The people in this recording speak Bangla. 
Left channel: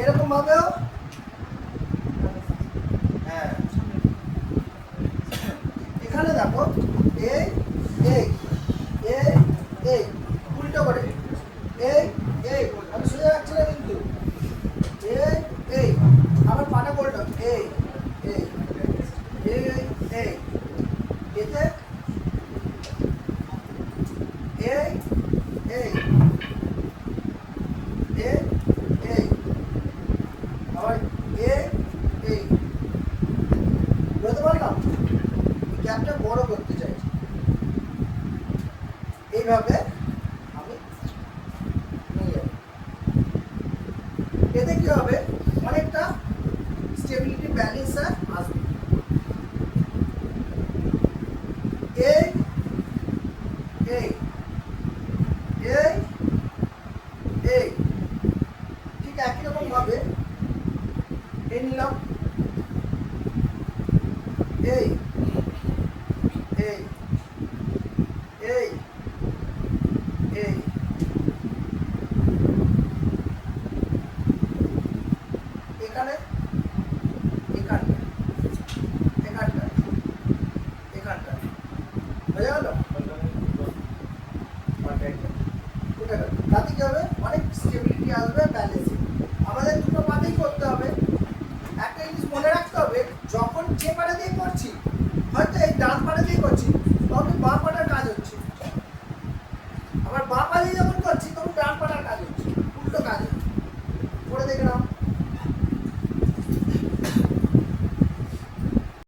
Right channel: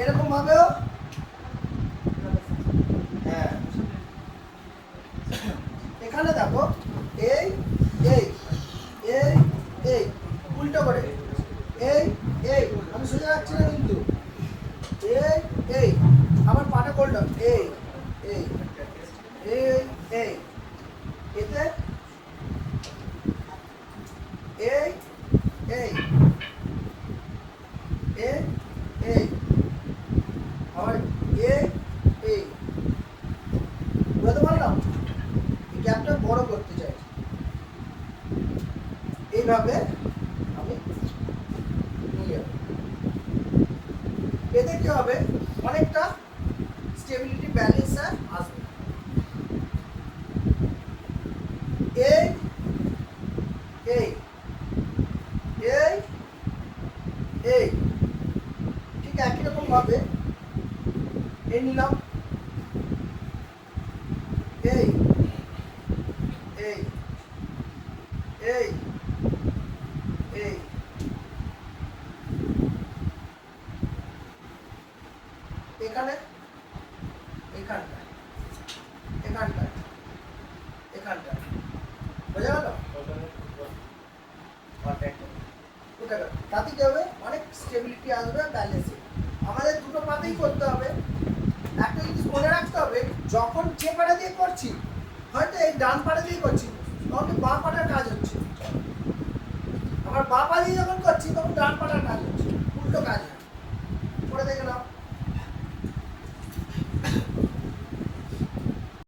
এরকম ভাবেও হ্যাঁ এখানে দেখো এই এই এই এই উল্টো করে এই এই আমি সোজা রাখছি না কিন্তু এই এই আবার পাটা করলাম এই এই এই এই এতে এই এই এই এই আবার এই এই বুঝতে পারলাম গ্যাপটা বড় করতে চাইছি এইভাবে আমি নিয়ে যাব এতে কি হবে অনেকটা স্টেবিলিটি ব্যালেন্স আসবে এই এই এই এই ঠিক একই রকম ভাবে এই নিলাম এই এই এই এই এখানে এখানটায় এখানটায় এখানটায় বোঝা গেল তাতে কি হবে অনেক স্টেবিলিটি আসবে ব্যালেন্সে আমাদের দুটো পাতেই করতে হবে একটা জিনিস মনে রাখতে হবে যখন যে পাটা দিয়ে করছি হয়তো এই ডান পাটা দিয়ে করছি তখন বাঁ পাটার কাজ হচ্ছে আবার বাঁ পা দিয়ে যখন করছি তখন ডান পাটার কাজ হচ্ছে উল্টো কাজ হচ্ছে করে দেখে নাও